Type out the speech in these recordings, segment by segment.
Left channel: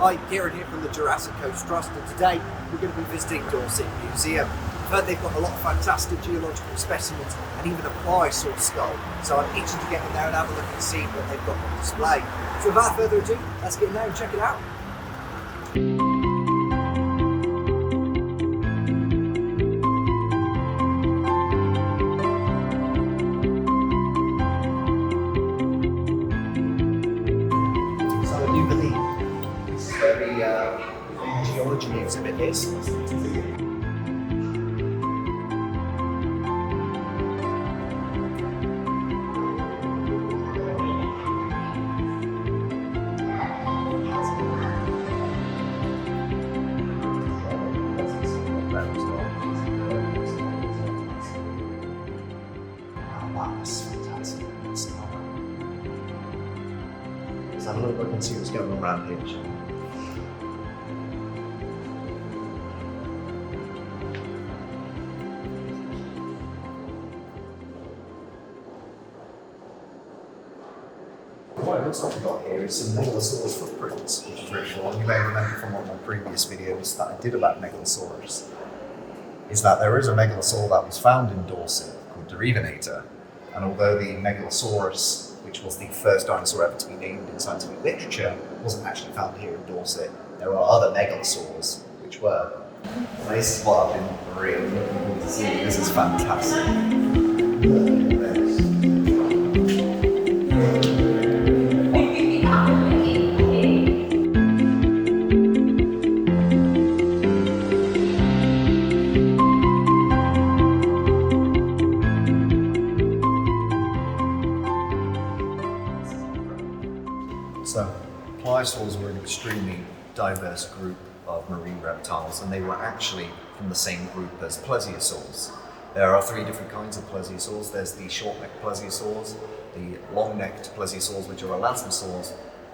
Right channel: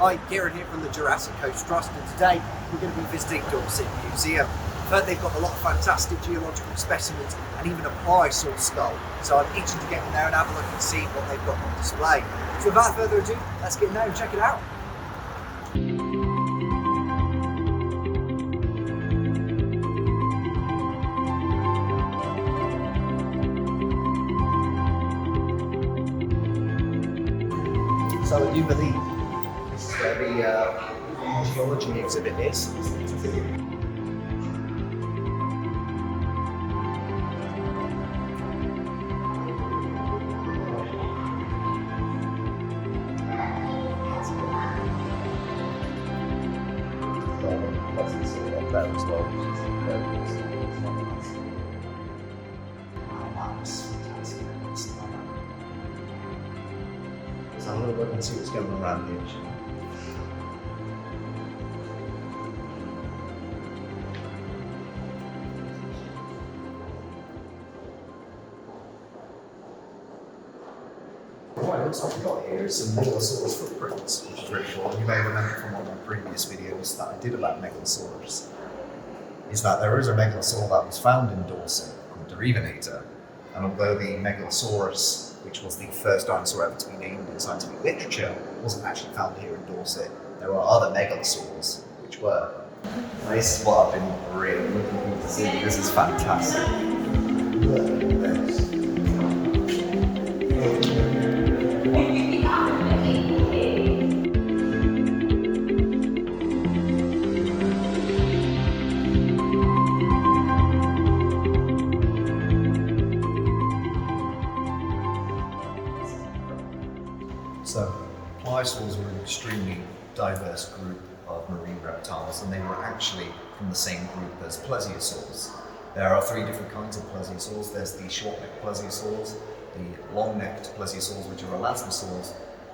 Hi, Kieran here from the Jurassic Coast Trust, and today we're going to be visiting Dorset Museum. I've heard they've got a lot of fantastic geological specimens and even a Pliosaur skull, so I'm itching to get in there and have a look and see what they've got on display. So without further ado, let's get in there and check it out. So I do believe this is where the geology exhibit is. That's fantastic. Let's have a little look and see what's going on around here. What it looks like we got here is some Megalosaurus footprints, which is really cool. You may remember from one of my previous videos that I did about Megalosaurus, is that there is a Megalosaur that was found in Dorset called Derivinator, and although the Megalosaurus, which was the first dinosaur ever to be named in scientific literature, wasn't actually found here in Dorset, there are other Megalosaurs which were. Now, this is what I've been really looking forward to see. This is fantastic. Look at this. So, pliosaurs were an extremely diverse group of marine reptiles, and they were actually from the same group as plesiosaurs. There are three different kinds of plesiosaurs. There's the short-necked plesiosaurs, the long-necked plesiosaurs, which are elasmosaurs,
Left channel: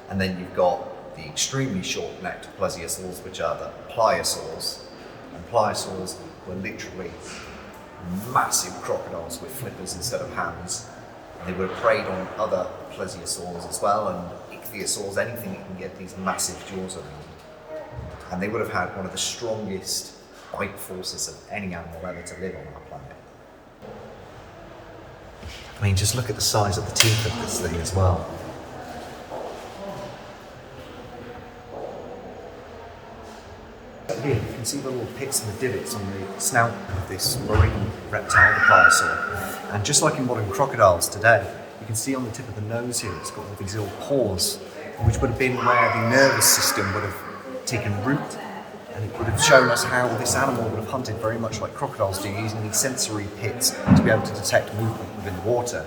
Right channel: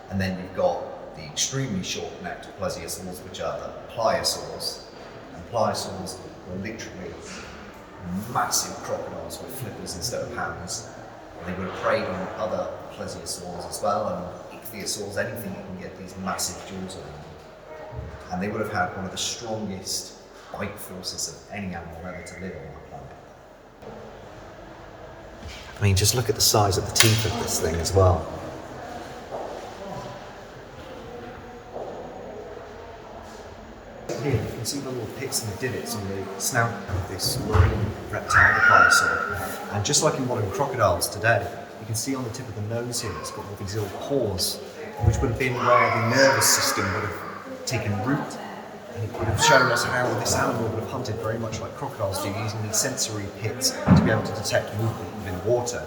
and then you've got the extremely short-necked plesiosaurs, which are the pliosaurs. And pliosaurs were literally massive crocodiles with flippers instead of hands. They would have preyed on other plesiosaurs as well, and ichthyosaurs, anything that can get these massive jaws around. And they would have had one of the strongest bite forces of any animal ever to live on our planet. I mean, just look at the size of the teeth of this thing as well. Here, you can see the little pits and the divots on the snout of this marine reptile, the pliosaur. And just like in modern crocodiles today, you can see on the tip of the nose here, it's got all these little pores, which would have been where the nervous system would have taken root. And it would have shown us how this animal would have hunted very much like crocodiles do, using these sensory pits to be able to detect movement within water.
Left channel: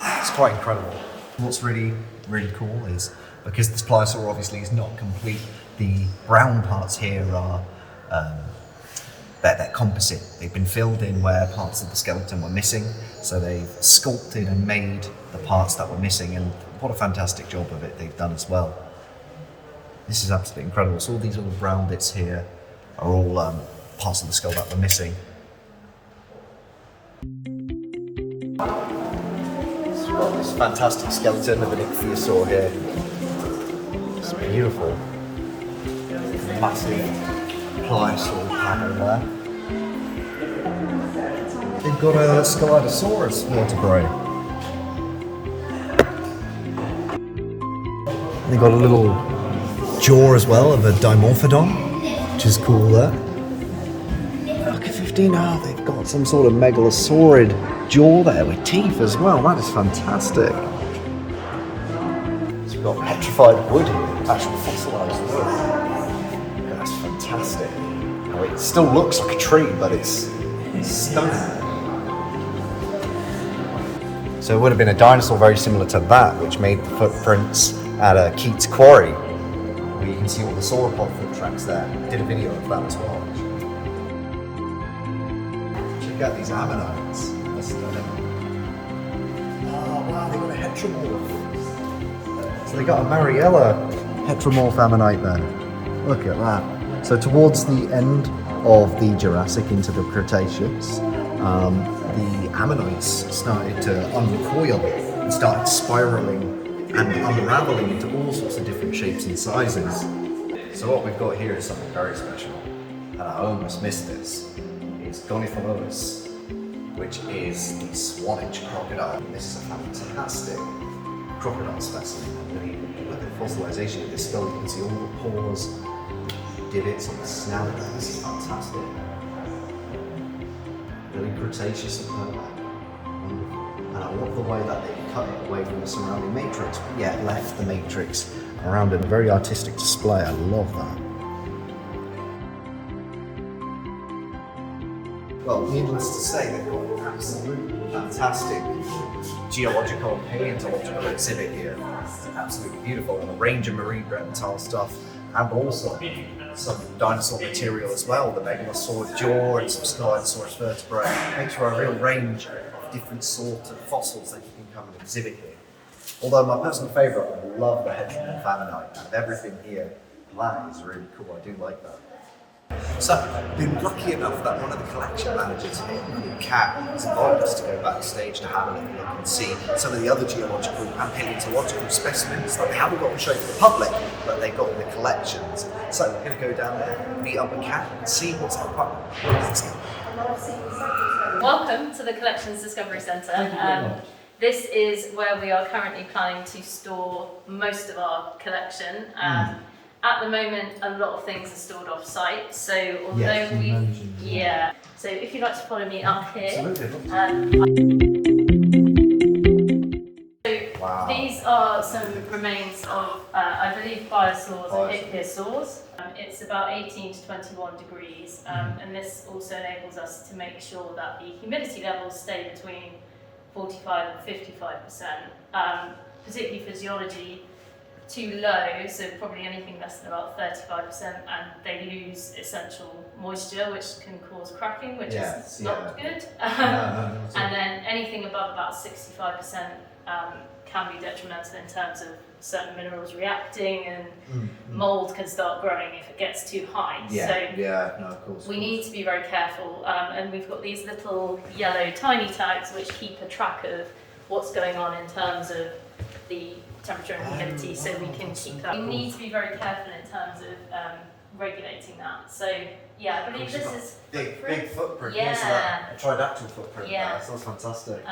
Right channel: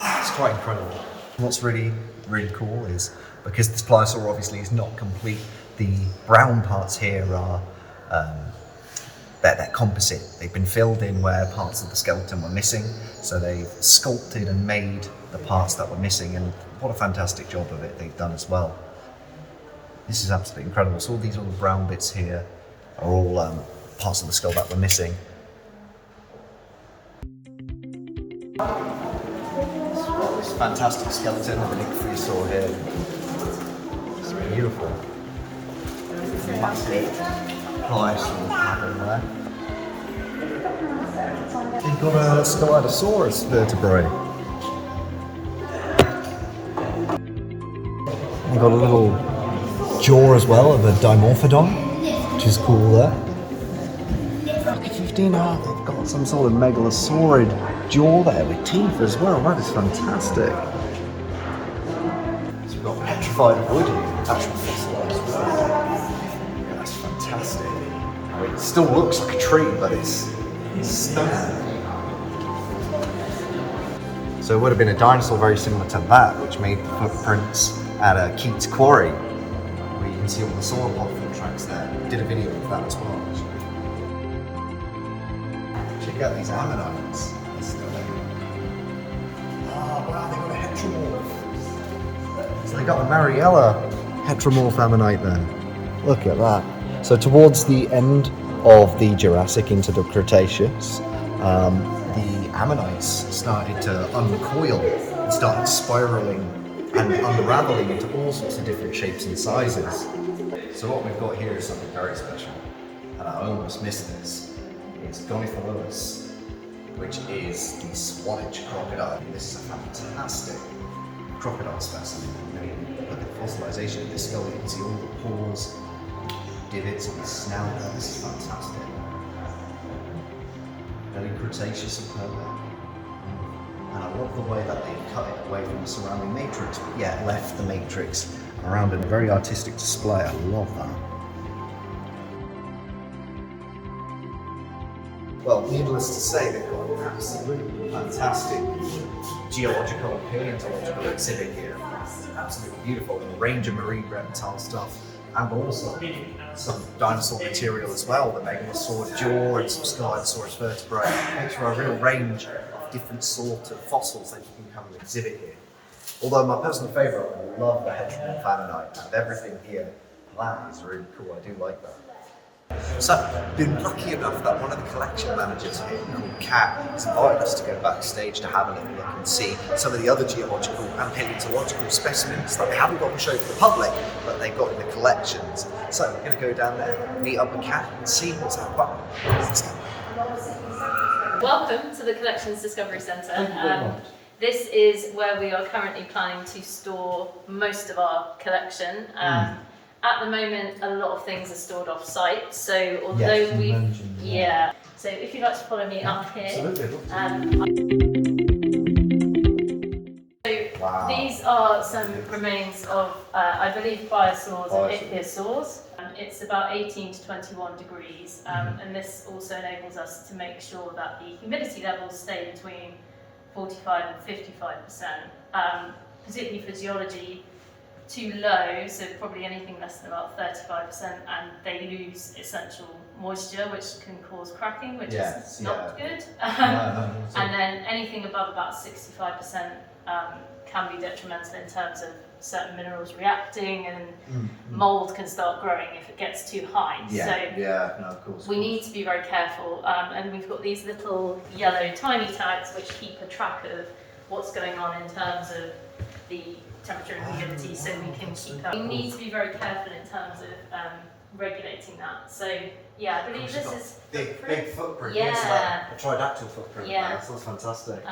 It's quite incredible. And what's really, really cool is, because this pliosaur obviously is not complete, the brown parts here are they're composite. They've been filled in where parts of the skeleton were missing, so they've sculpted and made the parts that were missing, and what a fantastic job of it they've done as well. This is absolutely incredible. So all these little brown bits here are all parts of the skull that were missing. So we've got this fantastic skeleton of an ichthyosaur here. It's beautiful. Massive pliosaur pattern there. We've got a Scelidosaurus vertebrae. And they've got a little jaw as well of a Dimorphodon, which is cool there. Look at 15, they've got some sort of megalosaurid jaw there with teeth as well. That is fantastic. So we've got petrified wood here, actual fossilised wood. That's fantastic. I mean, it still looks like a tree, but it's stunning. So it would have been a dinosaur very similar to that, which made the footprints at Keats Quarry. You can see all the sauropod foot tracks there. Did a video of that as well. Check out these Ammonites. That's stunning. Oh wow, they got a heteromorph. So they got a Mariella heteromorph Ammonite there. Look at that. So towards the end of the Jurassic into the Cretaceous, the Ammonites started to uncoil and started spiraling and unraveling into all sorts of different shapes and sizes. So what we've got here is something very special, and I almost missed this. It's Dinosaur, which is the Swanage crocodile. This is a fantastic crocodile specimen. With the fossilization of this skull, you can see all the pores, divots on the snout there. This is fantastic. Early Cretaceous and Permian. Wonderful. And I love the way that they've cut it away from the surrounding matrix, but yet left the matrix around in a very artistic display. I love that. Well, needless to say, they've got an absolutely fantastic geological and paleontological exhibit here. It's absolutely beautiful, and a range of marine reptile stuff, and also some dinosaur material as well, the megalosaur jaw and some Scelidosaurus vertebrae. It makes for a real range of different sort of fossils that you can come and exhibit here. Although my personal favourite, I love the heteromorph Ammonite, and everything here, that is really cool. I do like that. So, I've been lucky enough that one of the collection managers here, called Kat, has invited us to go backstage to have a little look and see some of the other geological and paleontological specimens that they haven't got to show for the public, but they've got in the collections. So we're going to go down there, meet up with Kat, and see what's out there. Let's go. Welcome to the Collections Discovery Centre. Thank you very much. This is where we are currently planning to store most of our collection. At the moment, a lot of things are stored off-site, so although so if you'd like to follow me up here. Wow. These are some remains of, I believe, Pliosaurs and Ichthyosaurs. It's about 18 to 21 degrees, and this also enables us to make sure that the humidity levels stay between 45 and 55%, particularly for geology. Too low, so probably anything less than about 35%, and they lose essential moisture, which can cause cracking, which is not good. And then anything above about 65% can be detrimental in terms of certain minerals reacting, and mold can start growing if it gets too high. Of course. We need to be very careful, and we've got these little yellow tiny tags which keep a track of what's going on in terms of the temperature and humidity, so we can keep that. We need to be very careful in terms of regulating that. So yeah, I believe this is big footprint. Yeah. It's like a tridactyl footprint. Yeah. That sounds fantastic.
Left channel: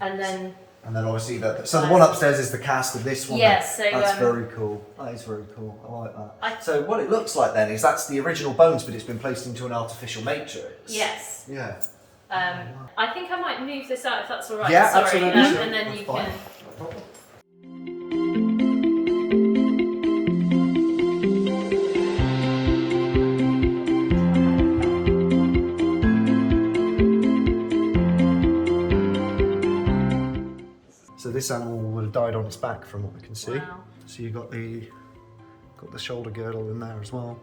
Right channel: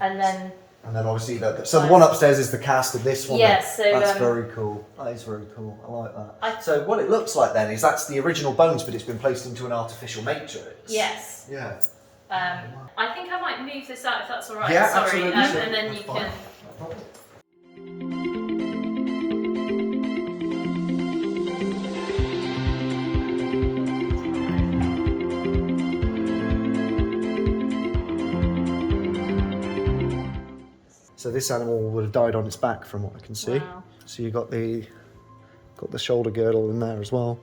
And then obviously so the one upstairs is the cast of this one. Yes, so that's very cool. That is very cool. I like that. So what it looks like then is that's the original bones, but it's been placed into an artificial matrix. Yes. Yeah. I think I might move this out if that's all right. Yeah, sorry, absolutely. and then you can. No problem. So this animal would have died on its back, from what I can see. Wow. So you got the shoulder girdle in there as well.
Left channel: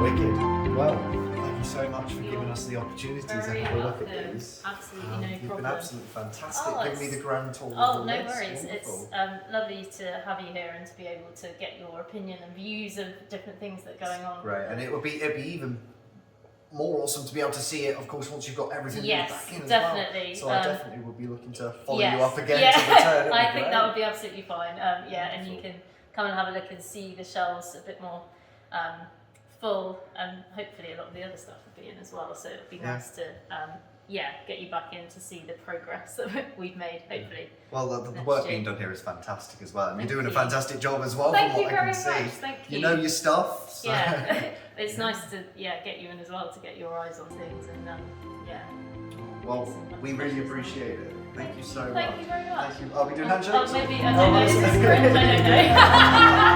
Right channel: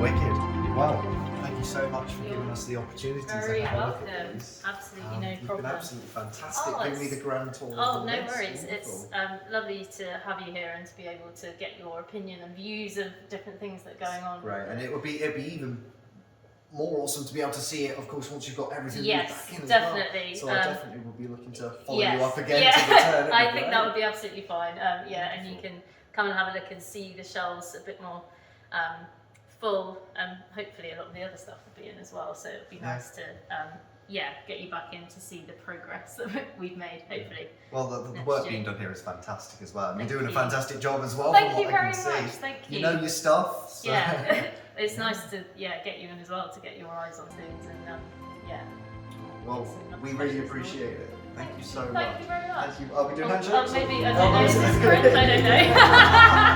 Wicked. Well, thank you so much for giving us the opportunity to have a look at these. Absolutely no You've problem. been absolutely fantastic. Oh, Give me the grand tour. Oh, no worries. It's lovely to have you here and to be able to get your opinion and views of different things that are going on. Great, and it'd be even more awesome to be able to see it, of course, once you've got everything back in definitely. as well. So I definitely will be looking to follow you Yes. up again to return. I think that would be absolutely fine. And you can come and have a look and see the shelves a bit more full, and hopefully a lot of the other stuff will be in as well. So it'd be nice to get you back in to see the progress that we've made, hopefully. Well, the work being done here is fantastic as well. And you're doing a fantastic job as well. Thank from you what I very can much. see. Thank you. You know your stuff. So. Yeah, it's nice to get you in as well to get your eyes on things, and Well, we really appreciate it. Thank you so much. Thank you very much. Thank you. Are we doing handshakes? Maybe I don't know. I don't know.